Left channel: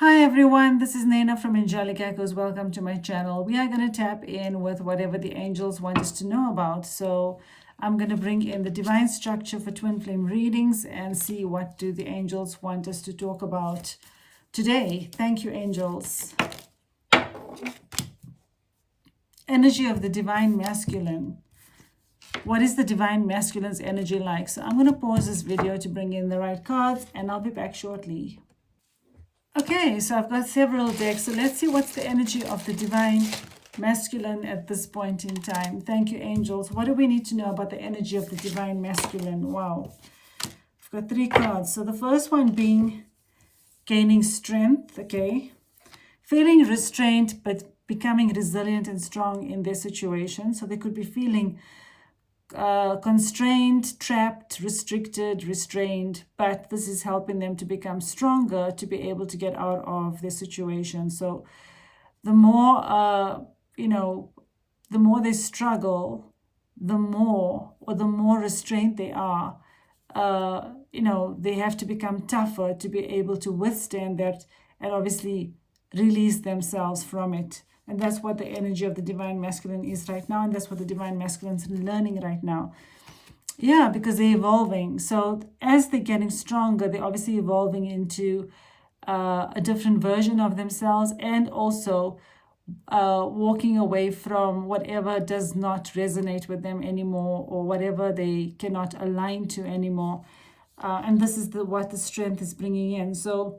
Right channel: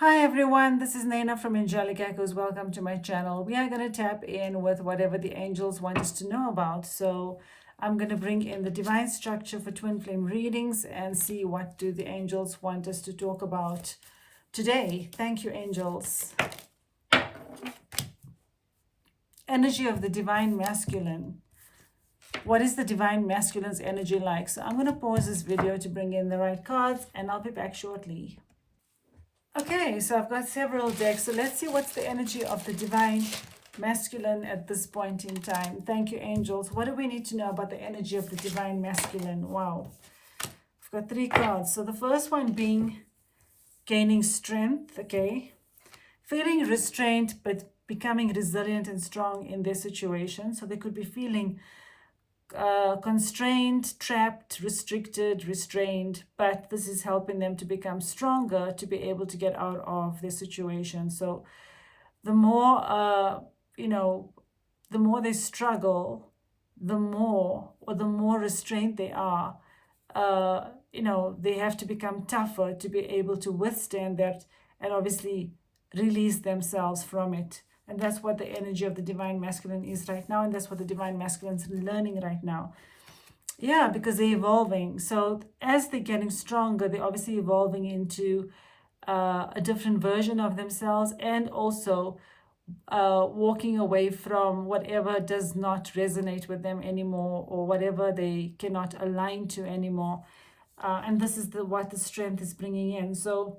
Hi everyone, this is Naina from Angelic Echoes. Welcome to my channel. We are going to tap in with whatever the angels want us to know about. So I'm going to bring in the divine structure for twin flame readings and see what do the angels want us to talk about today. Thank you, angels. Energy of the divine masculine. What is the divine masculine's energy like? So I'm going to pause this video to bring in the right cards and I'll be back shortly. Okay, so I've got several decks. So let's see what's the energy of the divine masculine at this point in time. Thank you, angels. What do we need to know about the energy of the divine masculine? Wow. I've got three cards. So the first one being gaining strength, okay? Feeling restrained, but becoming resilient and strong in their situation. So they could be feeling constrained, trapped, restricted, restrained, but this is helping them to become stronger to be able to get out of their situation. So the more, the more they struggle, the more restrained they are, they have to become tougher to be able to withstand that and obviously release themselves from it. And that's what the energy of the divine masculine is right now. And that's what the divine masculine is learning right now. Yeah, because they're evolving. So as they're getting stronger, they're obviously evolving into a different version of themselves and also walking away from whatever does not resonate with them anymore or whatever they cannot align to anymore. And this is what the strength is bringing in. So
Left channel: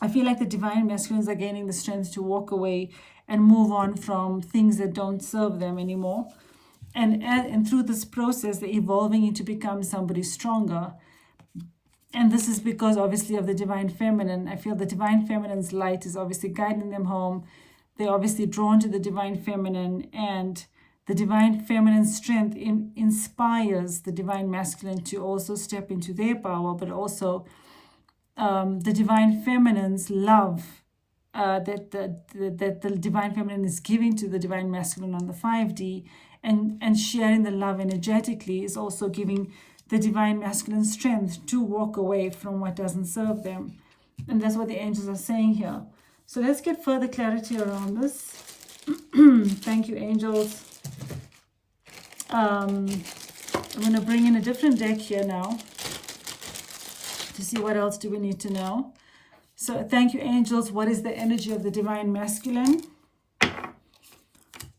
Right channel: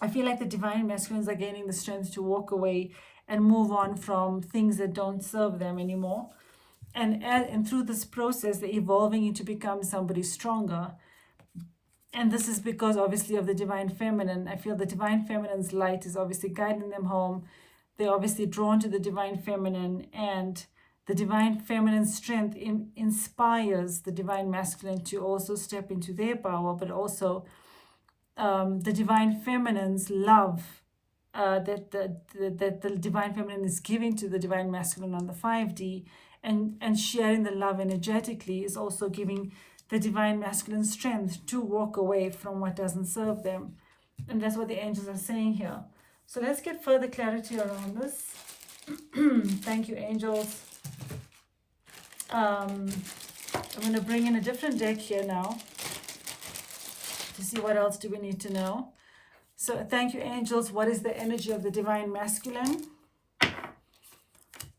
I feel like the divine masculines are gaining the strength to walk away and move on from things that don't serve them anymore. And through this process, they're evolving into become somebody stronger. And this is because obviously of the divine feminine. I feel the divine feminine's light is obviously guiding them home. They're obviously drawn to the divine feminine, and the divine feminine strength inspires the divine masculine to also step into their power, but also the divine feminine's love that the divine feminine is giving to the divine masculine on the 5D and sharing the love energetically is also giving the divine masculine strength to walk away from what doesn't serve them. And that's what the angels are saying here. So let's get further clarity around this. Thank you, angels. I'm going to bring in a different deck here now to see what else do we need to know. So thank you, angels. What is the energy of the divine masculine?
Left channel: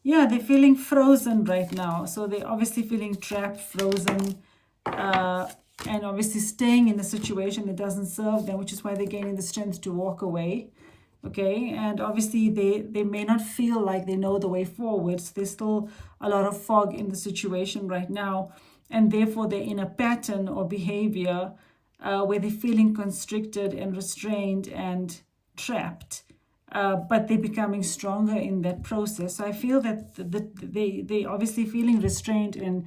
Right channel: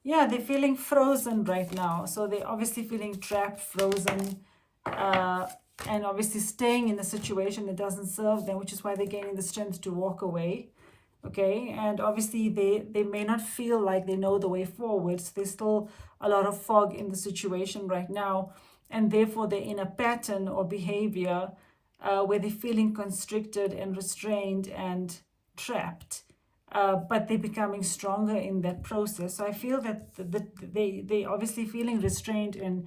Yeah, they're feeling frozen right now. So they're obviously feeling trapped, frozen, and obviously staying in a situation that doesn't serve them, which is why they're gaining the strength to walk away. Okay, and obviously they may not feel like they know the way forward. So there's still a lot of fog in the situation right now, and therefore they're in a pattern or behavior where they're feeling constricted and restrained and trapped, but they're becoming stronger in that process. So I feel that they obviously feeling restrained and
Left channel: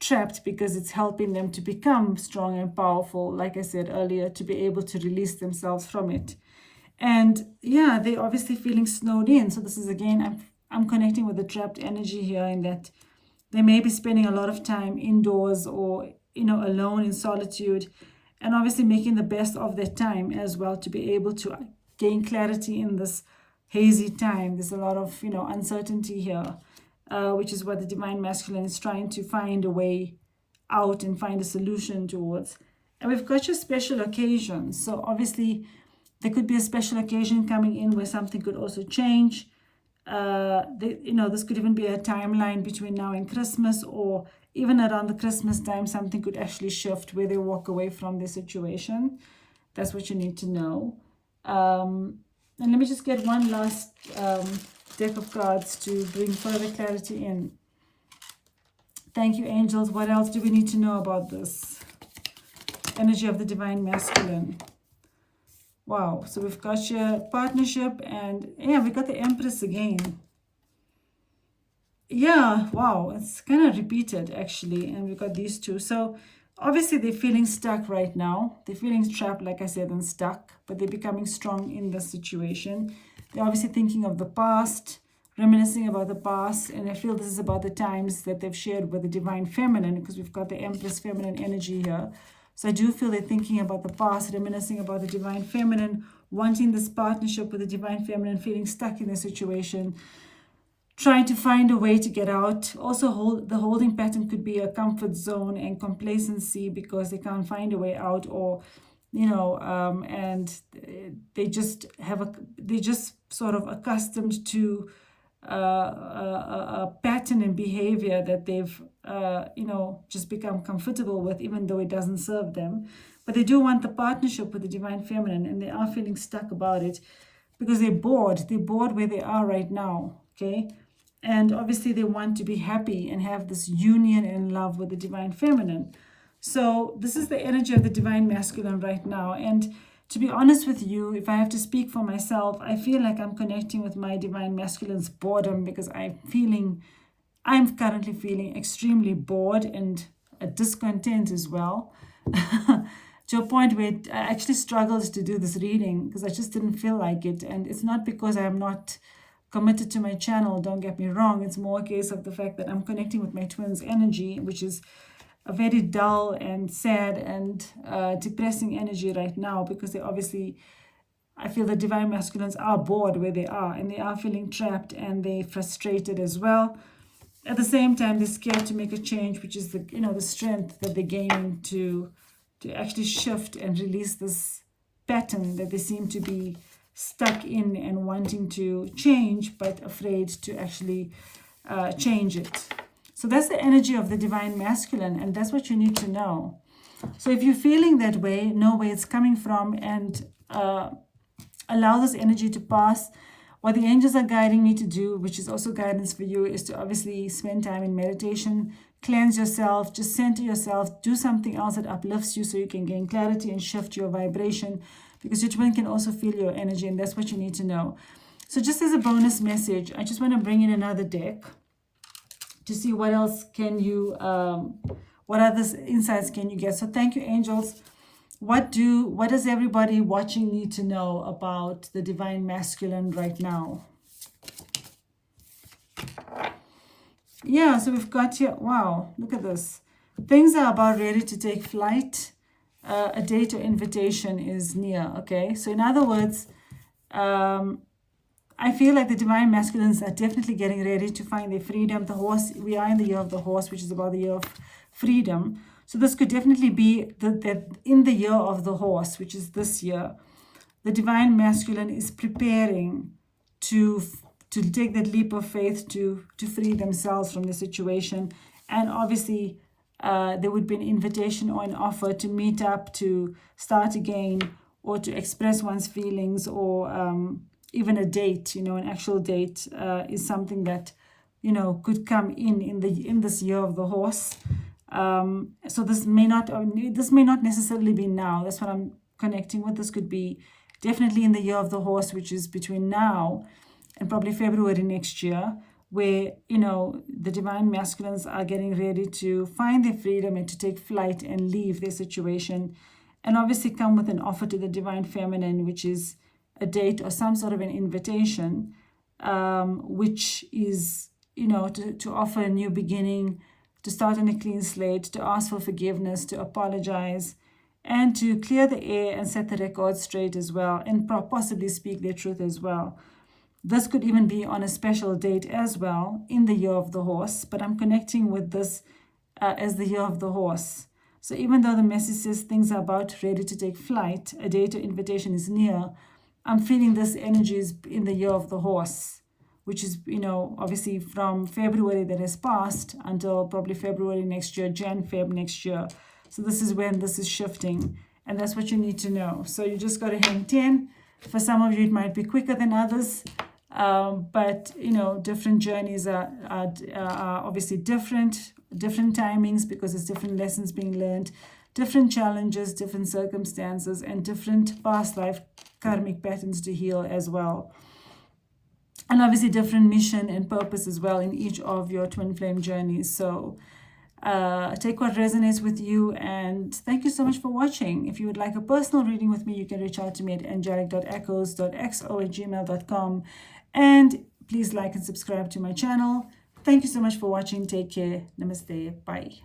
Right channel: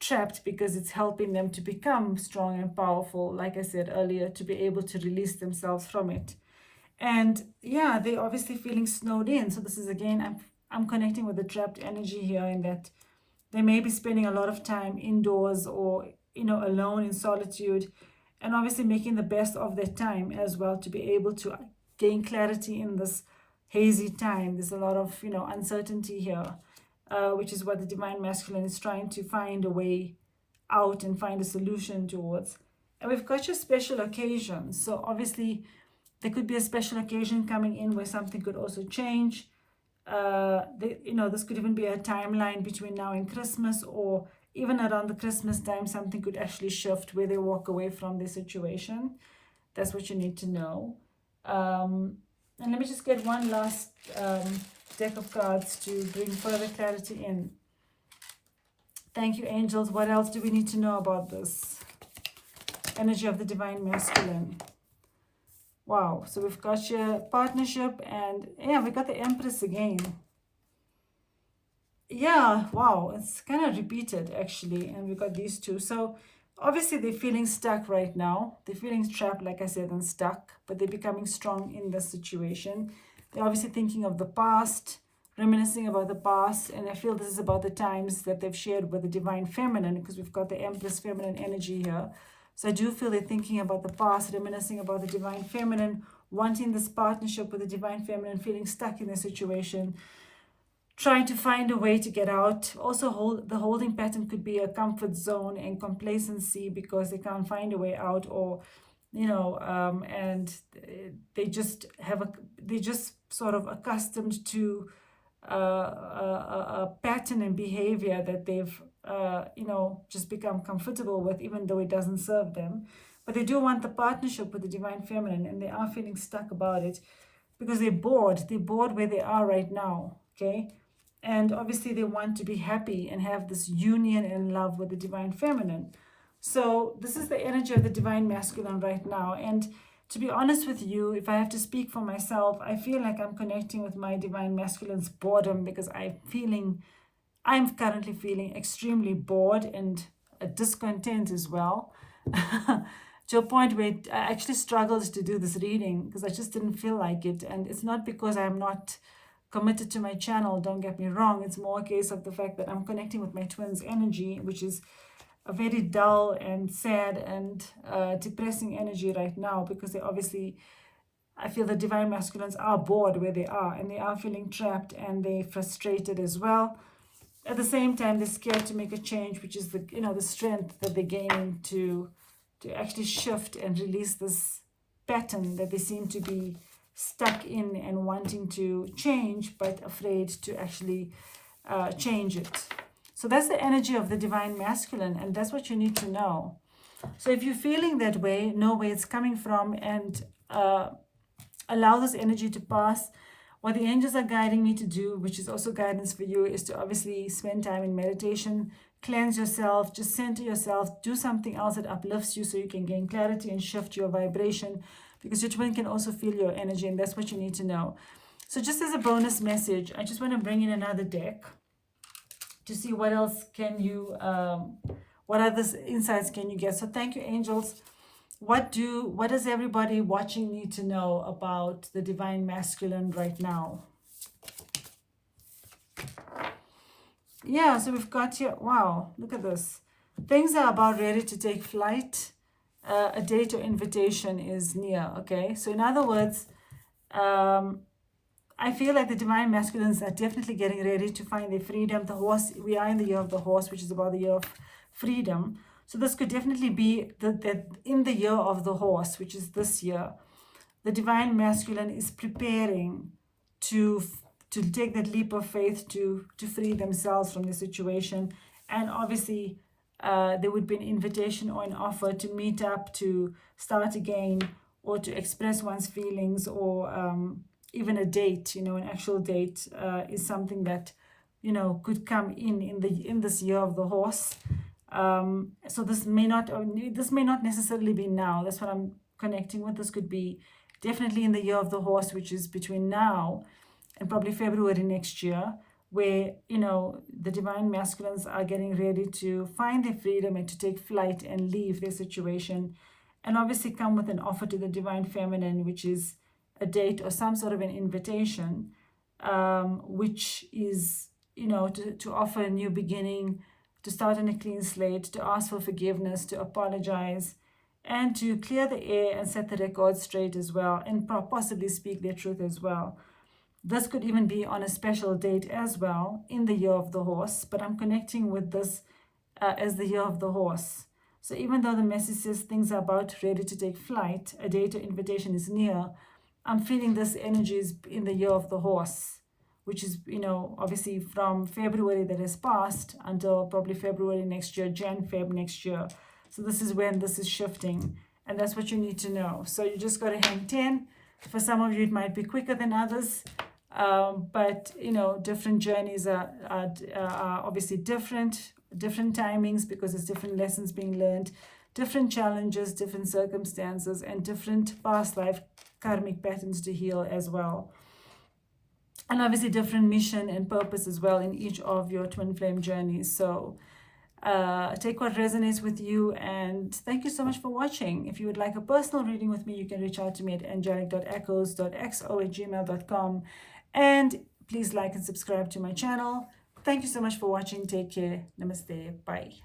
trapped because it's helping them to become strong and powerful, like I said earlier, to be able to release themselves from it. And yeah, they're obviously feeling snowed in. So this is again, I'm connecting with the trapped energy here in that they may be spending a lot of time indoors or, alone in solitude, and obviously making the best of their time as well to be able to gain clarity in this hazy time. There's a lot of, uncertainty here, which is what the divine masculine is trying to find a way out and find a solution towards. And we've got your special occasions. So obviously, there could be a special occasion coming in where something could also change. This could even be a timeline between now and Christmas, or even around the Christmas time, something could actually shift where they walk away from the situation. That's what you need to know. And let me just get one last deck of cards to bring further clarity in. Thank you, angels. What else do we need to know about this energy of the divine masculine? Wow, so we've got your partnership, and yeah, we got the Empress again. Yeah, wow, it's kind of repeated actually, and we've got these two. So obviously they're feeling stuck right now. They're feeling trapped, like I said, and stuck, but they're becoming strong in the situation. They're obviously thinking of the past, reminiscing about the past, and I feel this is about the times that they've shared with the divine feminine, because we've got the Empress feminine energy here. So I do feel they're thinking about the past, reminiscing about the divine feminine, wanting this partnership with the divine feminine, feeling stuck in the situation, trying to find a way to get out. Also, the holding pattern could be a comfort zone and complacency because they can't find a way out, or and they just sort of accustomed to a pattern and behavior that they've just become comfortable with, even though it doesn't serve them. But they do want the partnership with the divine feminine, and they are feeling stuck about it because they're bored where they are right now. Okay, and obviously they want to be happy and have this union and love with the divine feminine. So this is the energy of the divine masculine right now. And to be honest with you, if I have to speak for myself, I feel like I'm connecting with my divine masculine's boredom, because I'm currently feeling extremely bored and discontent as well. To a point where I actually struggled to do this reading because I just didn't feel like it. And it's not because I'm not committed to my channel, don't get me wrong. It's more a case of the fact that I'm connecting with my twins' energy, which is a very dull and sad and depressing energy right now, because I feel the divine masculines are bored where they are, and they are feeling trapped, and they're frustrated as well. At the same time, they're scared to make a change, which is the strength that they're gaining to actually shift and release this pattern that they seem to be stuck in and wanting to change, but afraid to actually change it. So that's the energy of the divine masculine, and that's what you need to know. So if you're feeling that way, know where it's coming from, and allow this energy to pass. What the angels are guiding me to do, which is also guidance for you, is to obviously spend time in meditation, cleanse yourself, just center yourself, do something else that uplifts you so you can gain clarity and shift your vibration, because your twin can also feel your energy, and that's what you need to know. So just as a bonus message, I just want to bring in another deck to see what else can you, what other insights can you get. So thank you, angels. What does everybody watching need to know about the divine masculine right now? Yeah, so we've got here, wow, look at this. Things are about ready to take flight. A date or invitation is near, okay? So in other words, I feel like the divine masculines are definitely getting ready to find their freedom. The horse, we are in the year of the horse, which is about the year of freedom. So this could definitely be that in the year of the horse, which is this year, the divine masculine is preparing to take that leap of faith to free themselves from the situation. And obviously, there would be an invitation or an offer to meet up, to start again, or to express one's feelings, or even a date, an actual date is something that, could come in this year of the horse. So this may not necessarily be now. That's what I'm connecting with. This could be definitely in the year of the horse, which is between now and probably February next year, where, the divine masculines are getting ready to find their freedom and to take flight and leave their situation, and obviously come with an offer to the divine feminine, which is a date or some sort of an invitation, which is, to offer a new beginning, to start on a clean slate, to ask for forgiveness, to apologize, and to clear the air and set the record straight as well, and possibly speak their truth as well. This could even be on a special date as well in the year of the horse, but I'm connecting with this as the year of the horse. So even though the message says things are about ready to take flight, a date or invitation is near, I'm feeling this energy is in the year of the horse, which is, obviously from February that has passed until probably February next year, Feb next year. So this is when this is shifting, and that's what you need to know. So you just got to hang 10. For some of you, it might be quicker than others, but, different journeys are obviously different timings, because there's different lessons being learned, different challenges, different circumstances, and different past life karmic patterns to heal as well. And obviously different mission and purpose as well in each of your twin flame journeys. So take what resonates with you, and thank you so much for watching. If you would like a personal reading with me, you can reach out to me at angelic.echoes.xo@gmail.com, and please like and subscribe to my channel. Thank you so much for watching. Take care. Namaste. Bye.